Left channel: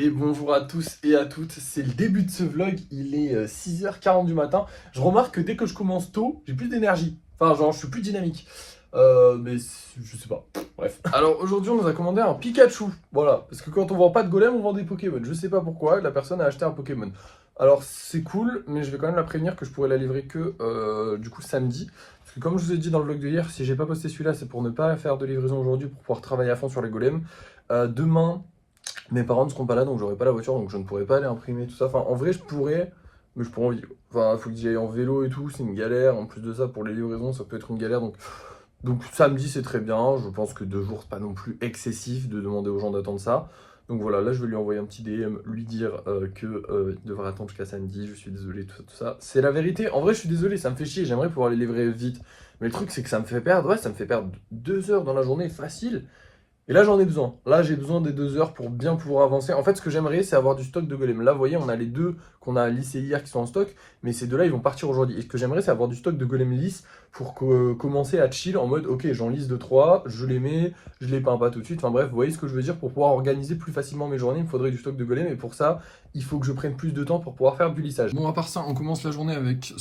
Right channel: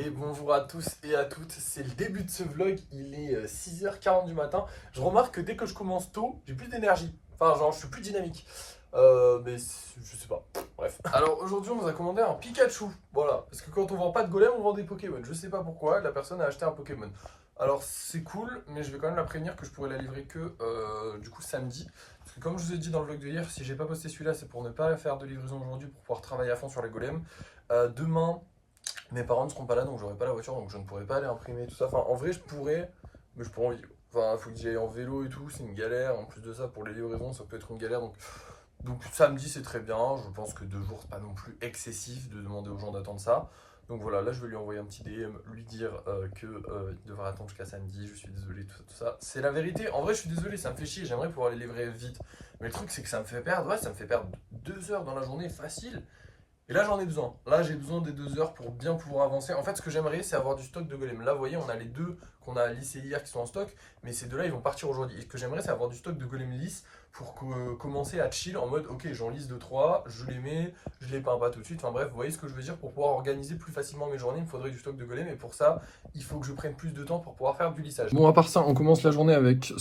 Et bonjour à tous et à toutes, c'est le début de ce vlog, il est 6h40 du matin. Je remarque que dès que je commence tôt, j'ai plus d'énergie. Enfin genre je suis plus dynamique. Je sais pas, bref. Alors aujourd'hui on nous a commandé un Pikachu, voilà. Parce que quand on vend pas de golem, on vend des Pokémon. Je sais pas pourquoi, la personne a acheté un Pokémon. Alors c'est cool, mais je vais quand même la prévenir que je pourrais la livrer que du coup samedi. Parce que comme je vous ai dit dans le vlog de hier, si j'ai pas posté celui-là, c'est pour ne pas faire de livraison aujourd'hui, pour pouvoir travailler à fond sur les golems. Demain... Mes parents ne seront pas là, donc j'aurai pas la voiture, donc je ne pourrai pas aller imprimer tout ça. Enfin, en vrai, je pourrais, mais je pourrais en vidéo. Enfin, il faut que j'y aille en vélo et tout, c'est une galère. En plus de ça, pour les livraisons, ça peut être une galère. Donc samedi, c'est très bien. Je pense que 2 jours, c'est pas non plus excessif de demander aux gens d'attendre ça. Donc voilà, là, je vais lui envoyer un petit DM, lui dire qu'il devrait attendre jusqu'à samedi. Je suis désolé, tout ça. C'est la vérité. En vrai, je suis désolé, ça me fait chier. J'aimerais pouvoir les livrer vite. Mais le truc, c'est que ça me fait perdre, ouais, ça me fait perdre 2 heures dans la journée, facile. Et là, j'en ai besoin. Là, j'ai besoin des 2 heures pour bien pouvoir avancer. En fait, ce que j'aimerais, c'est avoir du stock de golem. Là, vous voyez, on a les deux qu'on a lissés hier qui sont en stock, mais ces deux-là, ils vont partir aujourd'hui. Et ce que j'aimerais, c'est avoir du stock de golem lisse pour commencer à chill en mode, ok, j'en lisse 2-3, je les mets, je les peins pas tout de suite. Enfin bref, vous voyez ce que je veux dire, pour pouvoir organiser plus facilement mes journées, il me faudrait du stock de golem. Et pour ça, il faut que je prenne plus de temps pour pouvoir faire du lissage. Bon, à part ça, on commence la journée avec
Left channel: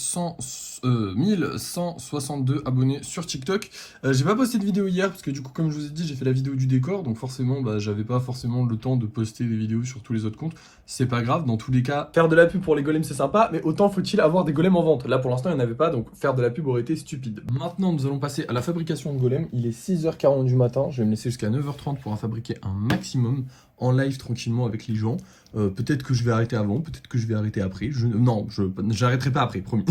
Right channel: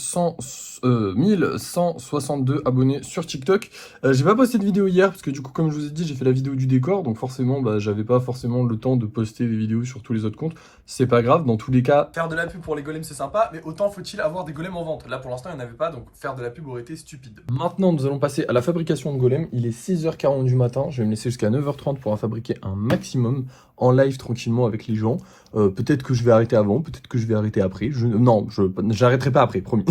1162 abonnés sur TikTok. J'ai pas posté de vidéo hier parce que du coup, comme je vous ai dit, j'ai fait la vidéo du décor, donc forcément, bah, j'avais pas forcément le temps de poster des vidéos sur tous les autres comptes. C'est pas grave, dans tous les cas, faire de la pub pour les golems c'est sympa, mais autant faut-il avoir des golems en vente. Là, pour l'instant, il n'y en avait pas, donc faire de la pub aurait été stupide. Maintenant, nous allons passer à la fabrication de golems. Il est 6h40 du matin, je vais me laisser jusqu'à 9h30 pour en fabriquer un maximum en live tranquillement avec les gens. Peut-être que je vais arrêter avant, peut-être que je vais arrêter après. Non, j'arrêterai pas après, promis.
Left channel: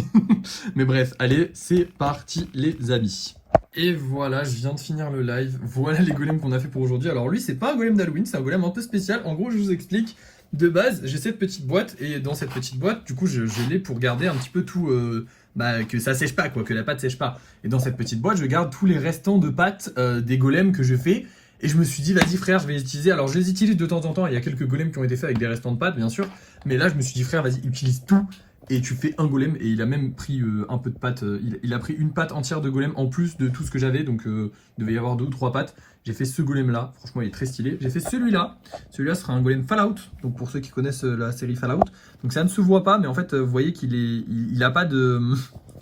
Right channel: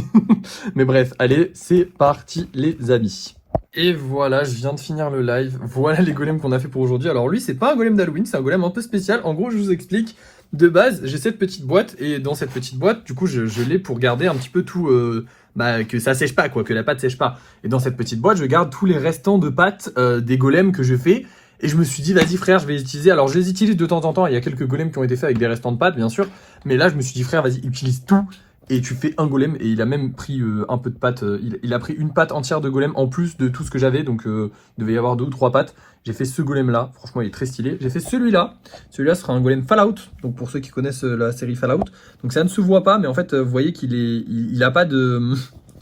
Mais bref, allez, c'est parti les amis. Et voilà, je viens de finir le live. Voilà les golems qu'on a fait pour aujourd'hui. Alors lui, c'est pas un golem d'Halloween, c'est un golem un peu spécial. En gros, je vous explique. De base, j'ai cette petite boîte et dans cette petite boîte, du coup, je l'ai pour garder un petit peu tout, que ça sèche pas, quoi, que la pâte sèche pas. Et dans cette petite boîte, je garde tous les restants de pâte des golems que je fais. Et je me suis dit, vas-y frère, je vais les utiliser. Alors je les utilise de temps en temps. Il y a quelques golems qui ont été faits avec des restants de pâte, bien sûr. Mais là, je me suis dit, frère, vas-y, utilise tout. Et tu fais un golem, et il a même pris un peu de pâte, il a pris une pâte entière de golem en plus de tout ce que j'avais, donc il devait y avoir 2 ou 3 pâtes. J'ai fait ce golem là, franchement il est très stylé. J'ai fait celui-là sera un golem Fallout, donc pour ceux qui connaissent la série Fallout. Donc ça ne se voit pas, mais en fait vous voyez qu'il est, il a pas de...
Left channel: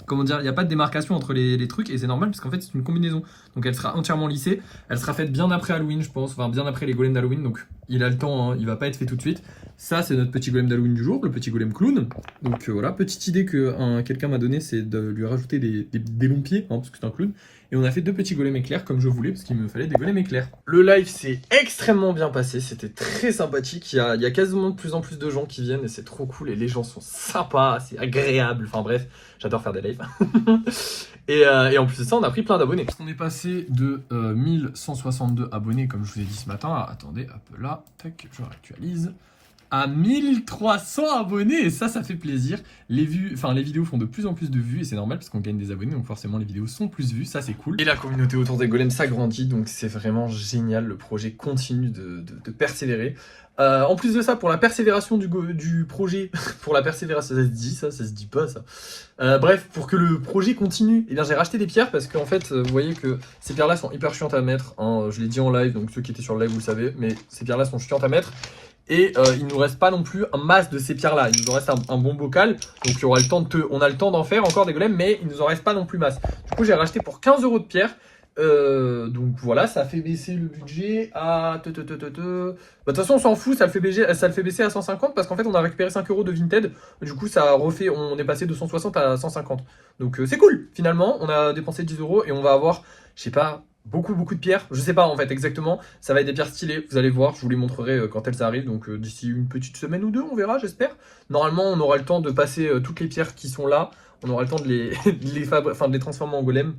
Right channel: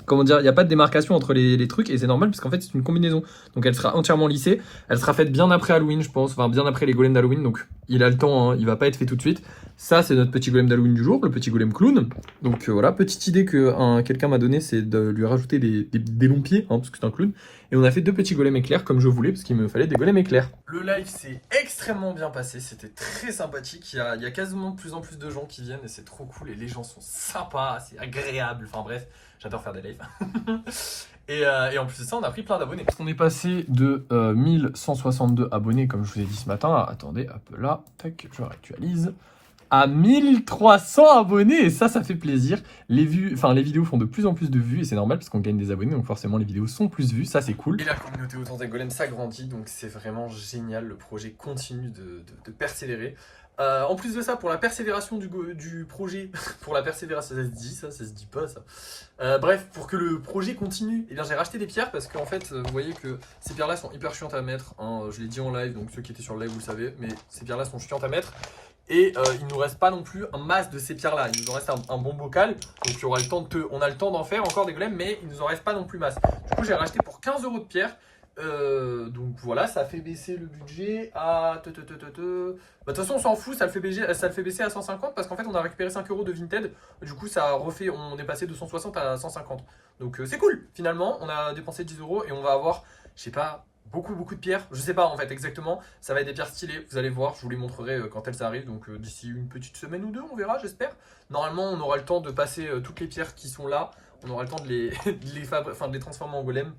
Comment dire, il n'y a pas de démarcation entre les trucs, et c'est normal parce qu'en fait c'est une combinaison. Donc elle sera entièrement lissée, elle sera faite bien après Halloween je pense, enfin bien après les golems d'Halloween, donc il a le temps, hein, il va pas être fait tout de suite. Ça, c'est notre petit golem d'Halloween du jour, le petit golem clown. Donc voilà, petite idée que quelqu'un m'a donnée, c'est de lui rajouter des longs pieds, hein, parce que c'est un clown. Et on a fait 2 petits golems éclairs comme je voulais, parce qu'il me fallait des golems éclairs. Le live s'est extrêmement bien passé, c'était très sympathique. Il y a quasiment de plus en plus de gens qui viennent et c'est trop cool. Et les gens sont sympas, c'est agréable. Enfin bref, j'adore faire des lives. Et en plus de ça, on a pris plein d'abonnés. On est passé de 1162 abonnés, comme je vous ai dit ce matin. Attendez, hop là, tac, je réactualise. À 1300 abonnés, et ça fait plaisir. Les vidéos font de plus en plus de vues et c'est normal parce qu'on gagne des abonnés, donc forcément les vidéos sont plus vues, ça c'est cool. Et la communauté autour des golems s'agrandit, donc c'est vraiment génial, le projet continue de persévérer. En plus de ça, pour la persévération du projet, pour la persévération, ça se dit ça se dit pas ça. Bref, pour que le projet continue, eh bien j'ai racheté des pierres parce qu'en fait, vous voyez que ces pierres là sont hyper chiantes à mettre, hein, je l'ai dit en live, donc ceux qui étaient sur le live vous le savez, mais ces pierres là sont chiantes à mettre. Et il nous reste pas non plus un masse de ces pierres là, il nous en reste un bon bocal, donc il y aura le temps on a le temps d'en faire encore des golems, mais il nous en reste pas non plus masse. Du coup j'ai racheté pour 15 € de pierre, donc voilà, ça fait baisser le budget à... Bah, de toute façon on s'en fout, ça le fait baisser à 150 parce qu'en fait on a récupéré 5 € de Vinted, du coup ça refait, on est passé de 160 à 150. Donc c'est cool, finalement on a dépensé 10 € et on va avoir, je sais pas, beaucoup de pierres, je sais pas en fait exactement, ça va être des pierres stylées, vous allez voir, je vous les montrerai quand elles arrivent, donc d'ici une petite semaine ou deux, on verra, j'espère. Normalement, on aura le temps de passer toutes les pierres qui sont là, on aura le temps de de les transformer en golem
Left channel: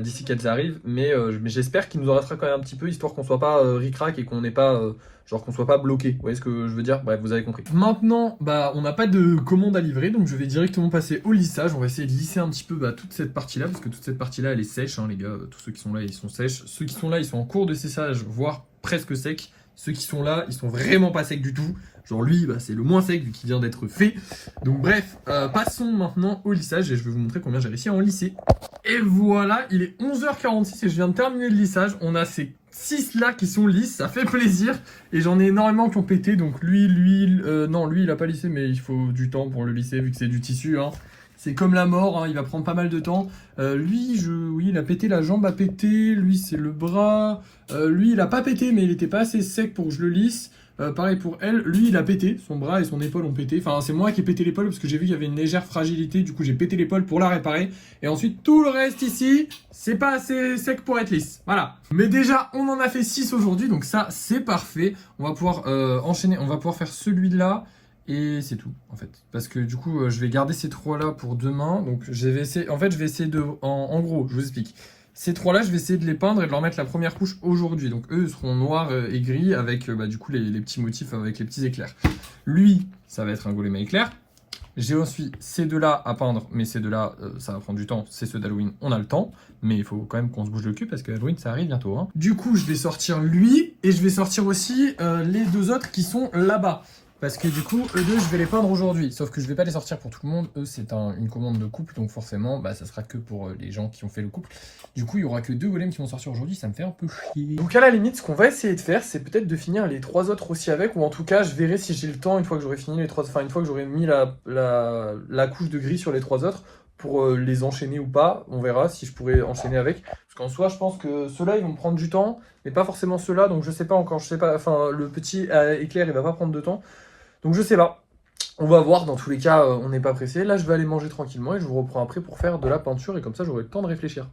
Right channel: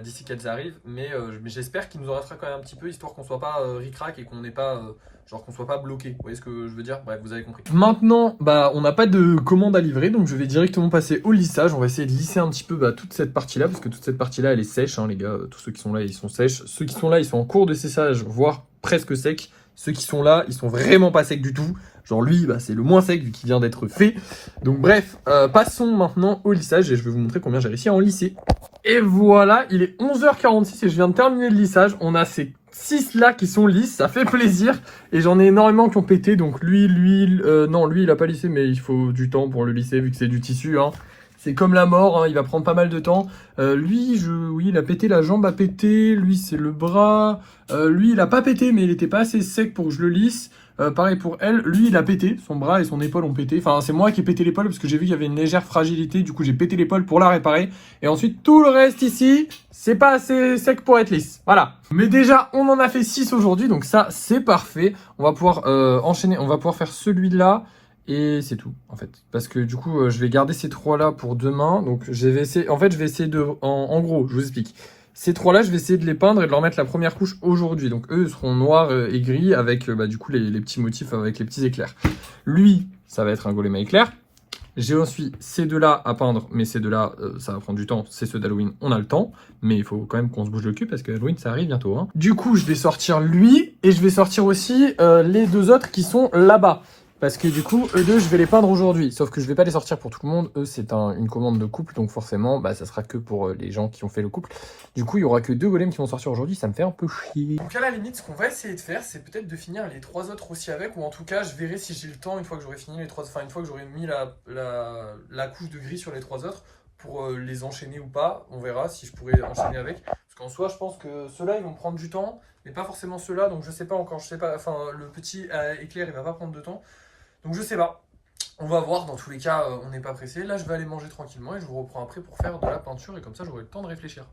d'ici qu'elles arrivent, mais j'espère qu'il nous en restera quand même un petit peu, histoire qu'on soit pas ric-rac et qu'on n'ait pas... genre qu'on soit pas bloqué, vous voyez ce que je veux dire? Bref, vous avez compris. Maintenant, bah, on n'a pas de commande à livrer, donc je vais directement passer au lissage. On va essayer de lisser un petit peu toute cette partie-là, parce que toute cette partie-là, elle est sèche, hein, les gars. Tous ceux qui sont là, ils sont sèches. Ceux qui sont là, ils sont en cours de séchage, voire presque secs. Ceux qui sont là, ils sont vraiment pas secs du tout. Genre lui, bah, c'est le moins sec vu qu'il vient d'être fait. Donc bref, passons maintenant au lissage et je vais vous montrer combien j'ai réussi à en lisser. Et voilà, il est 11h46 et je viens de terminer le lissage. On a ces 6 là qui sont lisses, ça fait plaisir. Et j'en ai énormément qui ont pété. Donc lui, non, lui il a pas lissé, mais il faut du temps pour le lisser vu que c'est du tissu. Hein. C'est comme la mort, hein, il va prendre pas mal de temps. Oui, il a pété, la jambe a pété. Lui, c'est le bras. Lui, il a pas pété, mais il était pas assez sec pour que je le lisse. Pareil pour elle, lui il a pété, son bras et son épaule ont pété. Enfin, c'est moi qui ai pété l'épaule parce que j'ai vu qu'il y avait une légère fragilité. Du coup, j'ai pété l'épaule pour la réparer. Et ensuite, tout le reste ici, c'est pas assez sec pour être lisse. Voilà. Mais déjà, on en a fait 6 aujourd'hui, donc ça, c'est parfait. On va pouvoir enchaîner, on va pouvoir faire celui-là. Et c'est tout, en fait. Parce que du coup, je vais garder ces 3-là pour demain. Donc, je vais essayer, en fait, je vais essayer de... En gros, je vous explique. Ces 3-là, je vais essayer de les peindre et de leur mettre la première couche aujourd'hui. Donc, eux seront noirs et gris avec, du coup, les petits motifs avec les petits éclairs. Lui, ça va être un golem à éclairs. J'ai ensuite ces 2-là à peindre, mais ces 2-là, ça va prendre du temps. C'est ceux d'Halloween, on a le temps. Mais il faut quand même qu'on se bouge le cul parce que Halloween, ça arrive bientôt. Hein. Du coup, je vais sortir lui et je vais sortir aussi les 2 autres qui sont là-bas. Parce que du coup, eux deux, je vais les peindre aujourd'hui. Sauf que je vais pas les sortir pour tout le monde. Eux, c'est une commande de couple. Donc forcément, ça sera que pour les gens qui ont fait le couple. Du coup, il y aura que 2 golems qui vont sortir aujourd'hui. Ça me fait un peu chier. Donc à la limite, ce qu'on va essayer de faire, c'est peut-être de finir les 3 autres aussi avec. Ou en tout cas, je verrai si j'ai le temps une fois que j'aurai fini les 3... Enfin, une fois que j'aurai mis la couche de gris sur les 3 autres. Pour les enchaîner ou pas. On verra si je pourrais enchaîner avec. Parce qu'en soi, je pense que ceux-là, ils vont prendre du temps. Mais pas forcément ceux-là. Donc je sais pas encore. Je sais pas. Enfin, le petit éclair, il va pas prendre de temps. Donc je sais pas, on va voir, dans tous les cas on n'est pas pressé. Là je vais aller manger tranquillement et je vous reprends après pour faire de la peinture et comme ça j'aurai le temps de réfléchir.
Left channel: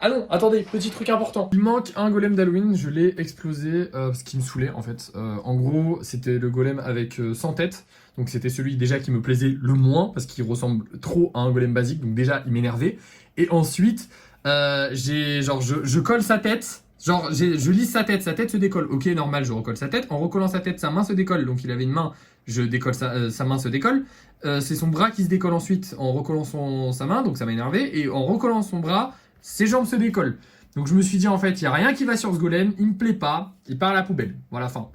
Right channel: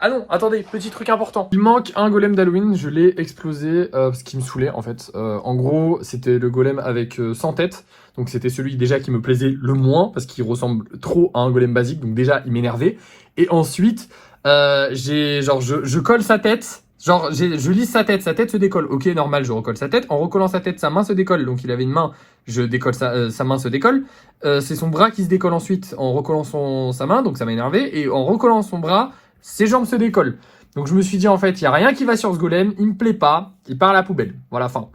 Ah non, attendez, petit truc important. Il manque un golem d'Halloween, je l'ai explosé parce qu'il me saoulait en fait. En gros c'était le golem avec 100 têtes, donc c'était celui déjà qui me plaisait le moins parce qu'il ressemble trop à un golem basique, donc déjà il m'énervait. Et ensuite je colle sa tête. Genre, je lisse sa tête se décolle. Ok, normal, je recolle sa tête. En recollant sa tête, sa main se décolle. Donc, il avait une main, je décolle sa main se décolle. C'est son bras qui se décolle ensuite en recollant sa main. Donc, ça m'a énervé. Et en recollant son bras, ses jambes se décollent. Donc, je me suis dit, en fait, il n'y a rien qui va sur ce golem. Il me plaît pas. Il part à la poubelle. Voilà, fin.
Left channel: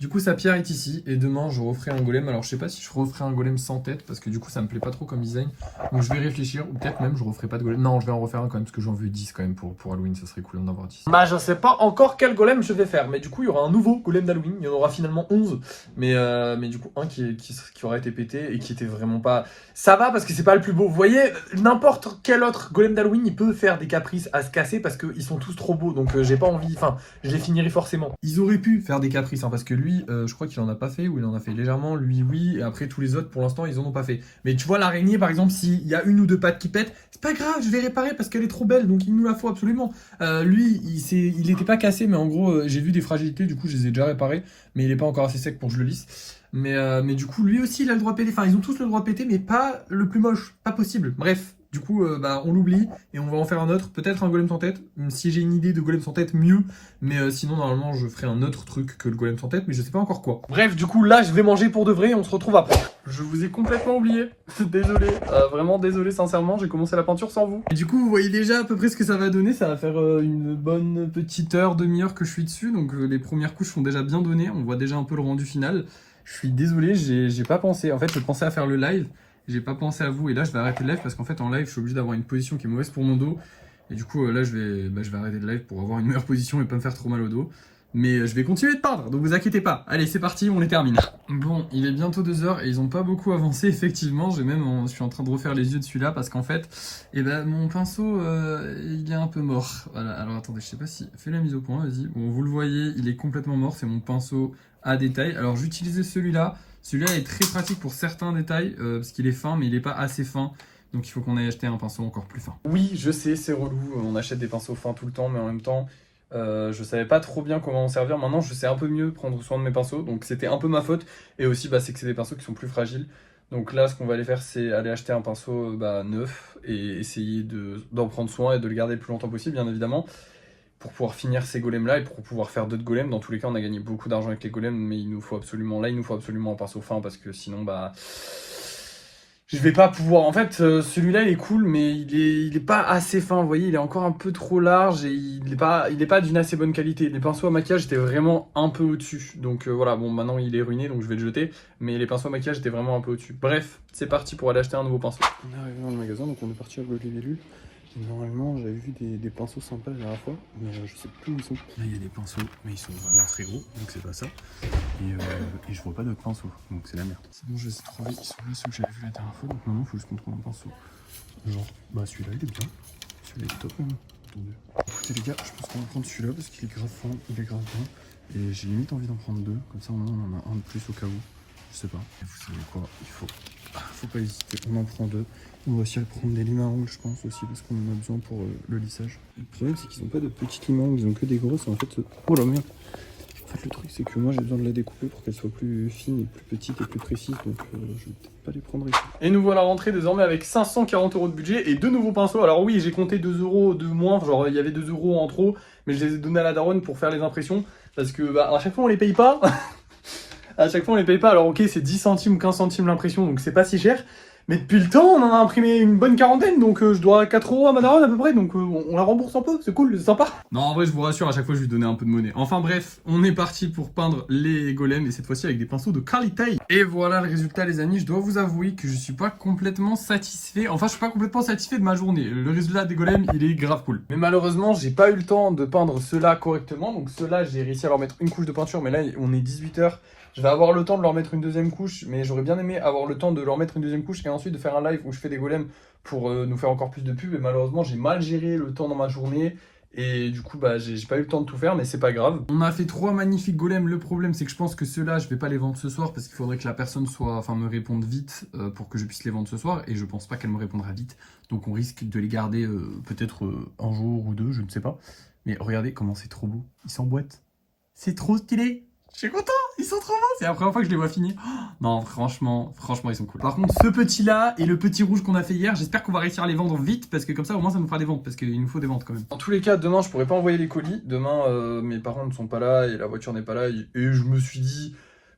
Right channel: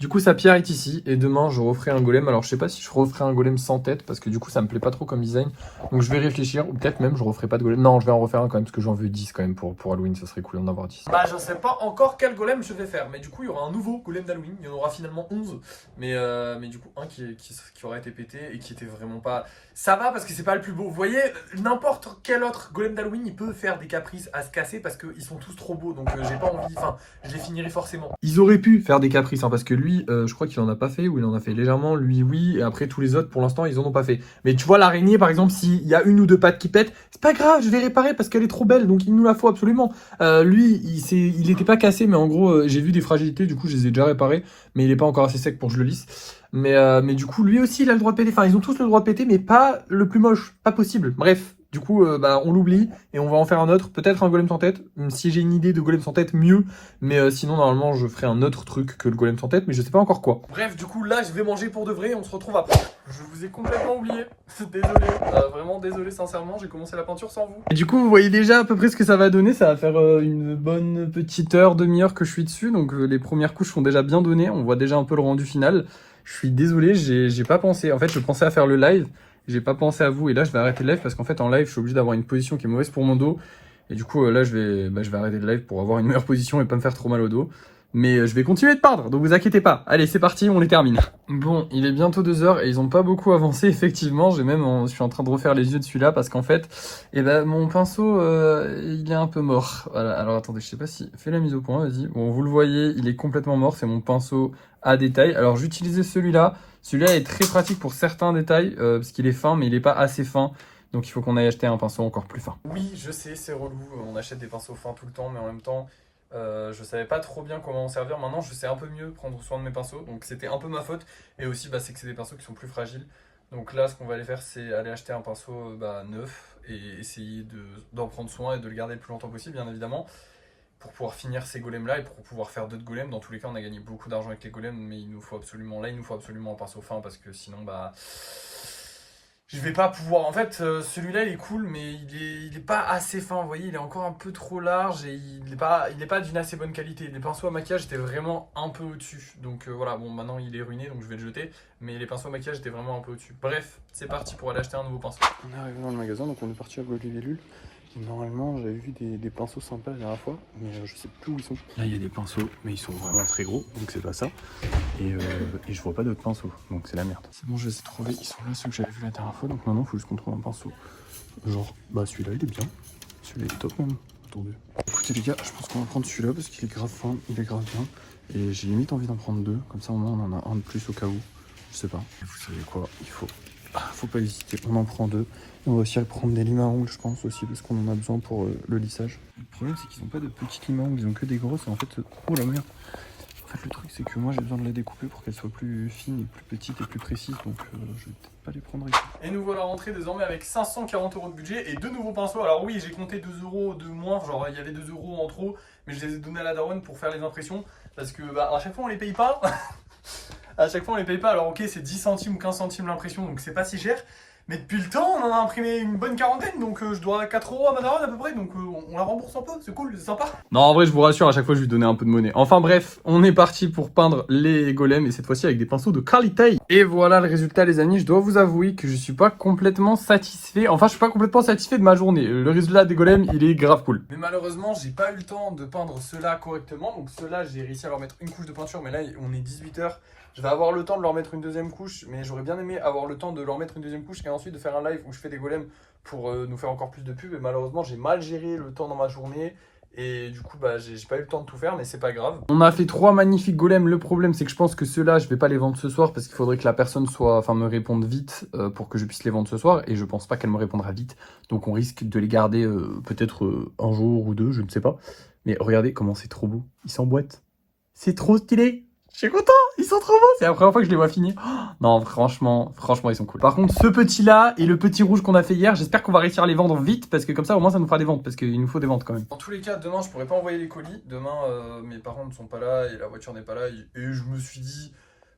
Du coup, sa pierre est ici. Et demain, je referai un golem. Alors, je sais pas si je referai un golem sans tête. Parce que du coup, ça me plaît pas trop comme design. Donc, je vais réfléchir. Ou peut-être même, je referai pas de golem. Non, je vais en refaire un quand même. Parce que j'en veux 10 quand même pour Halloween. Ça serait cool d'en avoir 10. Je sais pas encore quel golem je vais faire. Mais du coup, il y aura un nouveau golem d'Halloween. Il y en aura finalement 11. Mais du coup, un qui aura été pété. Et qui était vraiment pas... Ça va parce que c'est pas le plus beau. Vous voyez, n'importe quel autre golem d'Halloween, il peut faire des caprices à se casser. Parce qu'ils sont tous trop beaux. Donc, j'ai pas envie... Enfin, je les finirai forcément. Ils auraient pu faire des caprices. Hein, parce que lui, je crois qu'il en a pas fait ou il en a fait légèrement, lui oui, et après tous les autres pour l'instant ils en ont pas fait. Mais tu vois l'araignée par exemple, s'il y a une ou 2 pattes qui pètent, c'est pas grave, je vais réparer parce qu'elle est trop belle, donc il nous la faut absolument. Lui, il était pas cassé, mais en gros j'ai vu des fragilités, du coup je les ai déjà réparées, mais il est pas encore assez sec pour que je le lisse. Mais du coup lui aussi il a le droit de péter, enfin ils ont tous le droit de péter, mais pas le plus moche, pas possible. Bref. Du coup, on l'oublie et on va en faire un autre. Peut-être un golem sans tête. Si j'ai une idée de golem sans tête, mieux. Mais sinon, normalement, je ferai un autre truc que le golem sans tête. Mais je sais pas encore quoi. Bref, du coup, là, je vais manger pour de vrai et on se retrouve après. Je vous ai complètement oublié. Désolé. Vraiment désolé, sincèrement. J'ai commencé la peinture sans vous. Et du coup, vous voyez déjà à peu près ce que ça va donner. Ça va faire une bonne petite heure, demi-heure que je suis dessus. Donc, les premières couches sont déjà bien données. On voit déjà un peu le rendu final. Je suis désolé, j'ai pas pensé. En fait, je pensais à faire le live. J'ai pas pensé à vous et là je vais arrêter le live parce qu'en fait en live je suis obligé d'avoir une position qui est mauvaise pour mon dos et du coup là je vais arrêter le live pour avoir une meilleure position et pas me faire trop mal au dos. Mais je vais continuer de peindre, donc vous inquiétez pas. Allez, c'est parti, on les termine. Bon, il est bientôt 2 heures et ils ont pas beaucoup avancé, effectivement. Je suis en train de refaire les yeux de celui-là parce qu'en fait, mon pinceau, il est un peu mort. Voilà, alors attendez, je sais pas si... Fais la mise au point, vas-y. Bon, vous le voyez, il est complètement mort, c'est mon pinceau à détail. Alors, j'utilisais celui-là. Celui-là est très pratique pour certains détails parce qu'il est fin, mais il est pas assez fin. Donc, il faut qu'on aille acheter un pinceau encore plus fin. Oui, je sais, c'est relou. On achète des pinceaux fins tout le temps, mais en même temps... je savais pas trop bien comment en servir. Maintenant, je sais un peu mieux prendre soin de mes pinceaux. Donc, c'était un peu ma faute. Et aussi, c'est que c'est des pinceaux qui sont plus fragiles. Donc là, ce qu'on va aller faire, c'est aller acheter un pinceau neuf et essayer d'en prendre soin et de le garder le plus longtemps possible, bien évidemment, pour pouvoir finir ces golems-là et pour pouvoir faire d'autres golems. Dans tous les cas, on a gagné beaucoup d'argent avec les golems, mais il nous faut absolument un pinceau fin parce que sinon, je vais pas pouvoir... En fait, celui-là, il est cool, mais il est pas assez fin. Vous voyez, il est encore un peu trop large et il est pas d'une assez bonne qualité. Les pinceaux à maquillage étaient vraiment un peu au-dessus. Donc voilà, bon, maintenant, il est ruiné, donc je vais le jeter. Mais les pinceaux à maquillage étaient vraiment un peu au-dessus. Bref, c'est parti pour aller acheter un nouveau pinceau. On est arrivé dans le magasin, donc on est parti à Golivellule. Normalement, j'avais vu des pinceaux sympas la dernière fois, mais je sais plus où ils sont. Là, il y a des pinceaux, mais ils sont vraiment très gros, donc c'est pas ça. Et je vois pas d'autres pinceaux, donc c'est la merde. C'est bon, je les ai trouvés, ils sont là, ceux que j'avais vu la dernière fois, donc maintenant, il faut juste qu'on trouve un pinceau. Genre, bah celui-là, il est bien. Celui-là, il est top même. Attendez. Écoutez les gars, je pense qu'on va prendre celui-là parce qu'il est grave fin, il est grave bien. Et j'ai limite envie d'en prendre deux, comme ça au moins on en a un de plus au cas où. Je sais pas. Et vous savez quoi, il faut pas hésiter, on en prend deux. On va aussi prendre des limes à ongles, je pense aussi, parce qu'on en a besoin pour le lissage. Le problème, c'est qu'ils ont pas de petites limes à ongles, ils ont que des grosses. Et en fait, oh la merde. En fait, le truc, c'est que moi, j'ai besoin de la découper pour qu'elle soit plus fine et plus petite et plus précise. Donc, je vais peut-être pas les prendre ici. Et nous voilà rentrés désormais avec 540 € de budget et deux nouveaux pinceaux. Alors oui, j'ai compté 2 € de moins, genre il y avait 2 € en trop, mais je les ai donnés à la daronne pour faire les impressions. Parce que bah, à chaque fois, on les paye pas. À chaque fois on les paye pas, alors ok c'est 10 centimes ou 15 centimes l'impression donc c'est pas si cher. Mais depuis le temps on en a imprimé une bonne quarantaine donc je dois 4 € à ma daronne à peu près donc on la rembourse un peu, c'est cool, c'est sympa. Non en vrai je vous rassure à chaque fois je lui donnais un peu de monnaie. Enfin bref, on est parti pour peindre les golems et cette fois-ci avec des pinceaux de qualité. Et voilà le résultat les amis, je dois vous avouer que je suis pas complètement satisfait. Enfin je suis pas complètement satisfait de ma journée. Le résultat des golems il est grave cool. Mais malheureusement j'ai pas eu le temps de peindre ceux-là correctement. Donc ceux-là j'ai réussi à leur mettre une couche de peinture mais là on est 18 h. Je vais avoir le temps de leur mettre une deuxième couche, mais j'aurais bien aimé avoir le temps de leur mettre une deuxième couche et ensuite de faire un live où je fais des golems pour nous faire encore plus de pubs. Et malheureusement, j'ai mal géré le temps dans ma journée et du coup, bah, j'ai pas eu le temps de tout faire, mais c'est pas grave. On a fait 3 magnifiques golems. Le problème, c'est que je pense que ceux-là, je vais pas les vendre ce soir parce qu'il faudrait que la personne me réponde vite pour que je puisse les vendre ce soir. Et je pense pas qu'elle me répondra vite. Donc on risque de les garder peut-être un jour ou deux, je ne sais pas. Mais regardez comment c'est trop beau. Ils s'emboîtent. C'est trop stylé. Je suis content, ils sont trop beaux. C'est la première fois que je les vois finir. Oh, non, franchement, ils sont cool. Par contre, ce petit-là et le petit rouge qu'on a fait hier, j'espère qu'on va réussir à les vendre vite parce que comme ça, au moins, ça nous fera des ventes parce qu'il nous faut des ventes quand même. En tous les cas, demain, je pourrais pas envoyer les colis. Demain, mes parents ne sont pas là et la voiture n'est pas là. Et je me suis dit,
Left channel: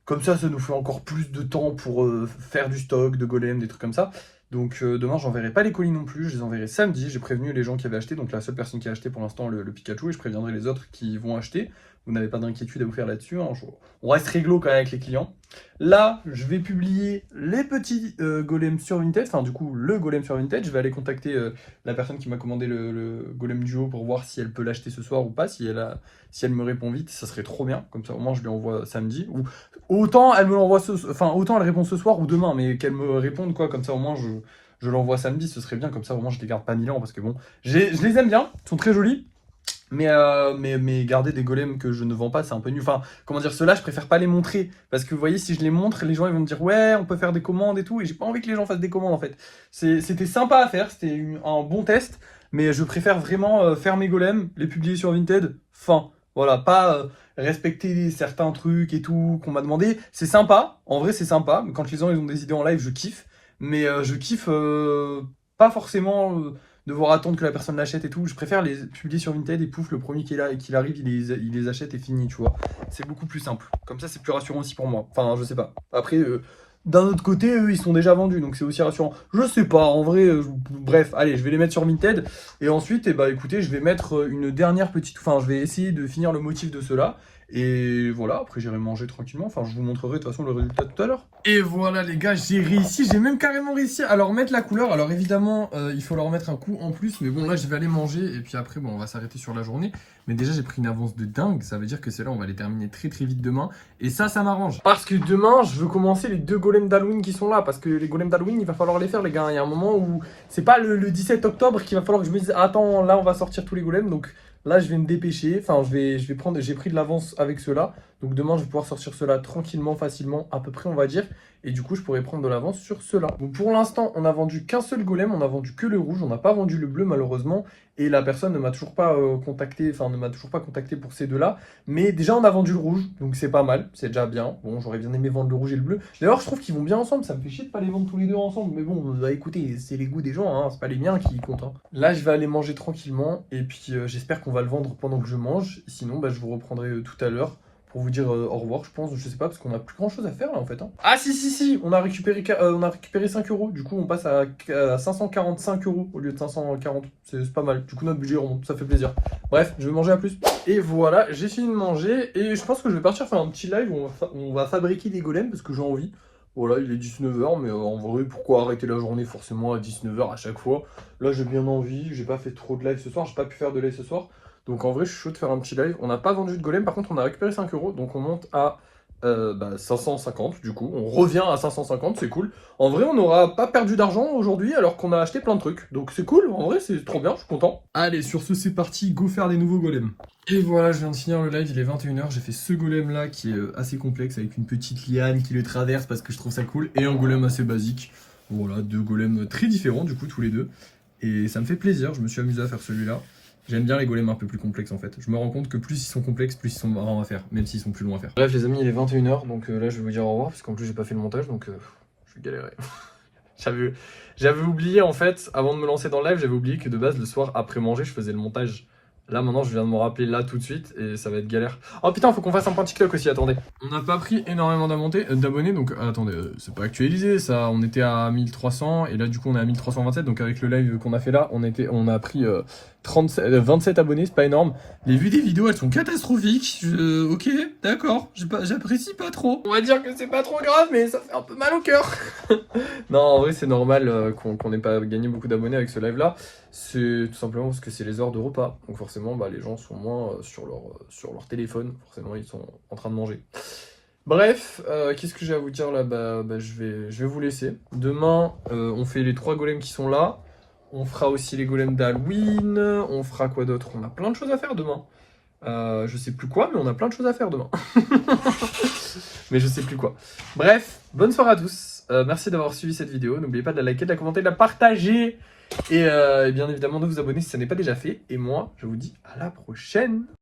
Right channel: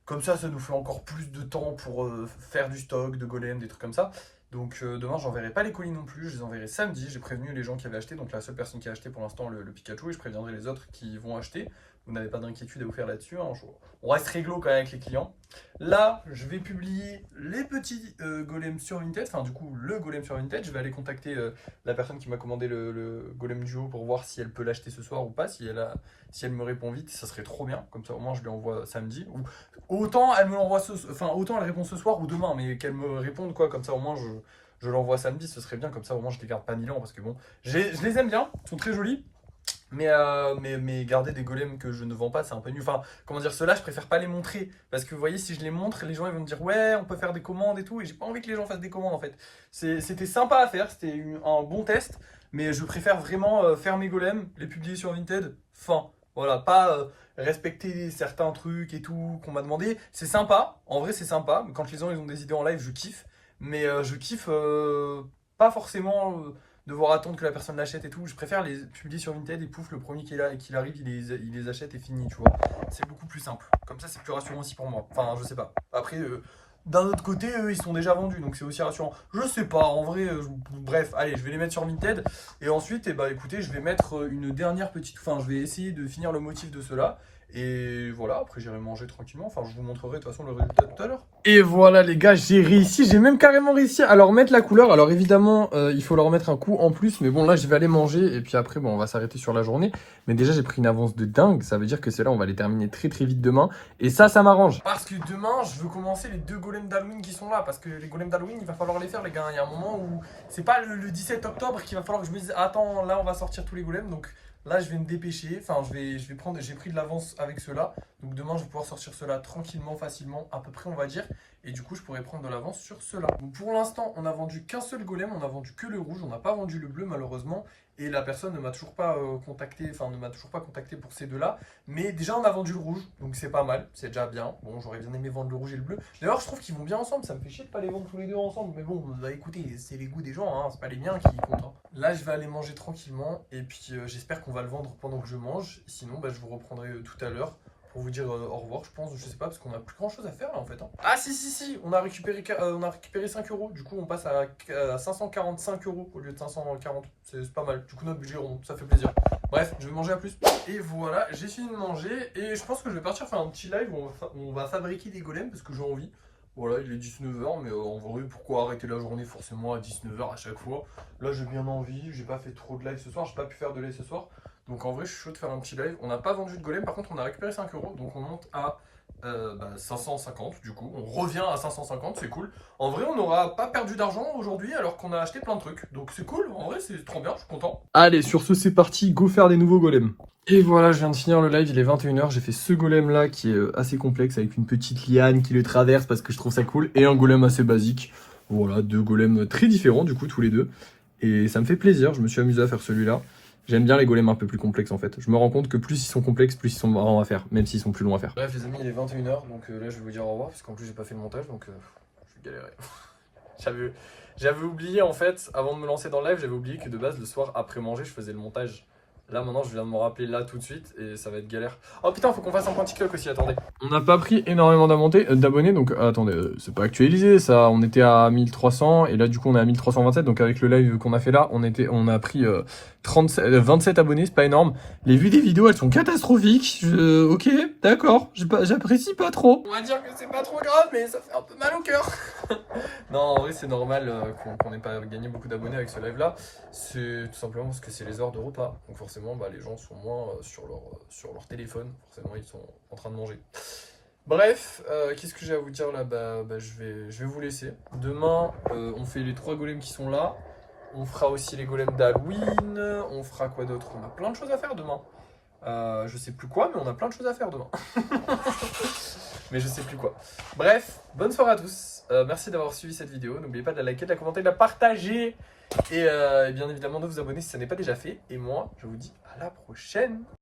comme ça nous fait encore plus de temps pour faire du stock, de golem, des trucs comme ça. Donc demain, j'enverrai pas les colis non plus, je les enverrai samedi. J'ai prévenu les gens qui avaient acheté, donc la seule personne qui a acheté pour l'instant le Pikachu, et je préviendrai les autres qui vont acheter. Vous n'avez pas d'inquiétude à vous faire là-dessus, hein. On reste réglo quand même avec les clients. Là, je vais publier les petits golems sur Vinted, enfin du coup le golem sur Vinted. Je vais aller contacter la personne qui m'a commandé le golem duo pour voir si elle peut l'acheter ce soir ou pas, si elle me répond vite, ça serait trop bien. Comme ça au moins je lui envoie samedi. Ou autant elle me l'envoie autant elle répond ce soir ou demain, mais qu'elle me réponde quoi, comme ça au moins je l'envoie samedi, ce serait bien, comme ça au moins je les garde pas 1000 ans parce que bon, je les aime bien, ils sont très jolis. Mais garder des golems que je ne vends pas, c'est un peu nul. Enfin, comment dire, ceux-là, je préfère pas les montrer. Parce que vous voyez, si je les montre, les gens ils vont me dire ouais, on peut faire des commandes et tout. Et j'ai pas envie que les gens fassent des commandes en fait. C'était sympa à faire, c'était un bon test. Mais je préfère vraiment faire mes golems, les publier sur Vinted. Fin. Voilà, pas respecter certains trucs et tout qu'on m'a demandé. C'est sympa, en vrai c'est sympa. Quand les gens ils ont des idées en live, je kiffe. Mais je kiffe pas forcément devoir attendre que la personne l'achète et tout. Je préfère les publier sur Vinted et pouf, le premier qu'il arrive, il les achète et fini, tu vois. C'est beaucoup plus simple. Comme ça, c'est plus rassurant aussi pour moi. Enfin, je sais pas. Après, d'un autre côté, eux, ils sont déjà vendus, donc c'est aussi rassurant. Je sais pas, en vrai, bref, allez, je vais les mettre sur Vinted. Et ensuite, eh bah, écoutez, je vais mettre une dernière petite... Enfin, je vais essayer de finir le motif de ceux-là. Et voilà, après j'irai manger tranquillement. Enfin, je vous montrerai de toute façon le résultat tout à l'heure. Et voilà les gars, j'ai réussi, j'ai même carrément réussi à leur mettre la couleur. Alors évidemment, il faut leur mettre un coup en plus. Mais bon, là, je vais aller manger. Et puis après, bon, on va s'arrêter sur la journée. Mais déjà, j'ai pris une avance de dingue. Ça veut dire que celle-là, on va les terminer très très vite demain. Et ça m'arrange. Parce que demain, je veux commencer les 2 golems d'Halloween qui sont là. Parce que les golems d'Halloween, il va falloir les faire, les gars. Il y a un moment où c'est pas le 17 octobre qu'il va falloir que je me dise attends, là, on va sortir tous les golems. Donc là, je vais me dépêcher. Enfin, j'ai pris de l'avance avec ceux-là. Donc demain, je vais pouvoir sortir ceux-là tranquillement, facilement, à peu près, on va dire. Et du coup, je pourrais prendre de l'avance sur ceux-là. Donc pour l'instant, on a vendu qu'un seul golem. On a vendu que le rouge. On n'a pas vendu le bleu, malheureusement. Et la personne ne m'a toujours pas contacté. Enfin, ne m'a toujours pas contacté pour ces deux-là. Mais déjà, on a vendu le rouge. Donc c'est pas mal. C'est déjà bien. Bon, j'aurais bien aimé vendre le rouge et le bleu. D'ailleurs, je trouve qu'ils vont bien ensemble. Ça me fait chier de pas les vendre tous les deux ensemble. Mais bon, bah, écoutez, c'est les goûts des gens. Hein. C'est pas les miens qui comptent. Hein. Là, je vais aller manger tranquillement. Et puis, j'espère qu'on va le vendre pendant que je mange. Sinon, bah, je vous reprendrai tout à l'heure pour vous dire au revoir, je pense, je sais pas, parce qu'on a plus grand chose à faire là en fait. Hein. Ah si, on a récupéré 5 €, du coup on passe à 545 € au lieu de 540, c'est pas mal, du coup notre budget remonte, ça fait plaisir. Bref, je vais manger à plus. Et voilà, j'ai fini de manger et je pense que je vais partir faire un petit live où on va fabriquer des golems parce que j'ai envie. Voilà, il est 19h, mais en vrai, pourquoi arrêter la journée forcément à 19h à chaque fois? Là, j'ai bien envie, j'ai pas fait trop de live ce soir, j'ai pas pu faire de live ce soir. Donc en vrai, je suis chaud de faire un petit live. On n'a pas vendu de golem, par contre, on a récupéré 5 euros, donc on monte à 550 du coup. On revient à 550, c'est cool. En vrai, on n'aura pas perdu d'argent aujourd'hui alors qu'on a acheté plein de trucs. Donc c'est cool, en vrai, c'est trop bien, je suis content. Allez, sur ce, c'est parti, go faire des nouveaux golems. Et voilà, je viens de finir le live, il est 21h, j'ai fait ce golem là qui est assez complexe avec une petite liane qui le traverse parce que je trouve ça cool et un golem assez basique. Voilà, deux golems très différents du coup tous les deux. Et ça me fait plaisir, je me suis amusé à faire celui-là. J'aime bien les golems un peu plus complexes en fait. Je me rends compte que plus ils sont complexes, plus ils sont marrants à faire, même s'ils sont plus longs à faire. Bref les amis, il est 21h, donc là je vais vous dire au revoir parce qu'en plus j'ai pas fait le montage, donc je vais galérer. J'avais oublié en fait, avant de me lancer dans le live, j'avais oublié que de base le soir après manger je faisais le montage. Là maintenant je viens de me rappeler là tout de suite et ça va être galère. Oh putain, faut qu'on fasse un point TikTok aussi, attendez. On n'a pas pris énormément d'abonnés, donc attendez, c'est pas actualisé ça, on était à 1300 et là du coup on est à 1327, donc avec le live qu'on a fait là, on a pris 27 abonnés, c'est pas énorme. Les vues des vidéos elles sont catastrophiques, ok, d'accord, j'apprécie pas trop. On va dire que c'est pas trop grave mais ça fait un peu mal au cœur. Non, en vrai, c'est normal qu'on n'ait pas gagné beaucoup d'abonnés avec ce live-là. C'est tout simplement parce que c'est les heures de repas. Donc forcément, bah, les gens sont moins sur leur téléphone. Forcément, ils sont en train de manger. Bref, qu'est-ce que j'ai à vous dire là? Je vais vous laisser. Demain, on fait les 3 golems qui sont là. On fera aussi les golems d'Halloween. On fera quoi d'autre? On a plein de choses à faire demain. Je sais plus quoi, mais on a plein de choses à faire demain. Mais je sais plus quoi. Bref, bonne soirée à tous. Merci d'avoir suivi cette vidéo. N'oubliez pas de la liker, de la commenter, de la partager. Et bien évidemment de vous abonner si ça n'est pas déjà fait. Et moi, je vous dis à la prochaine.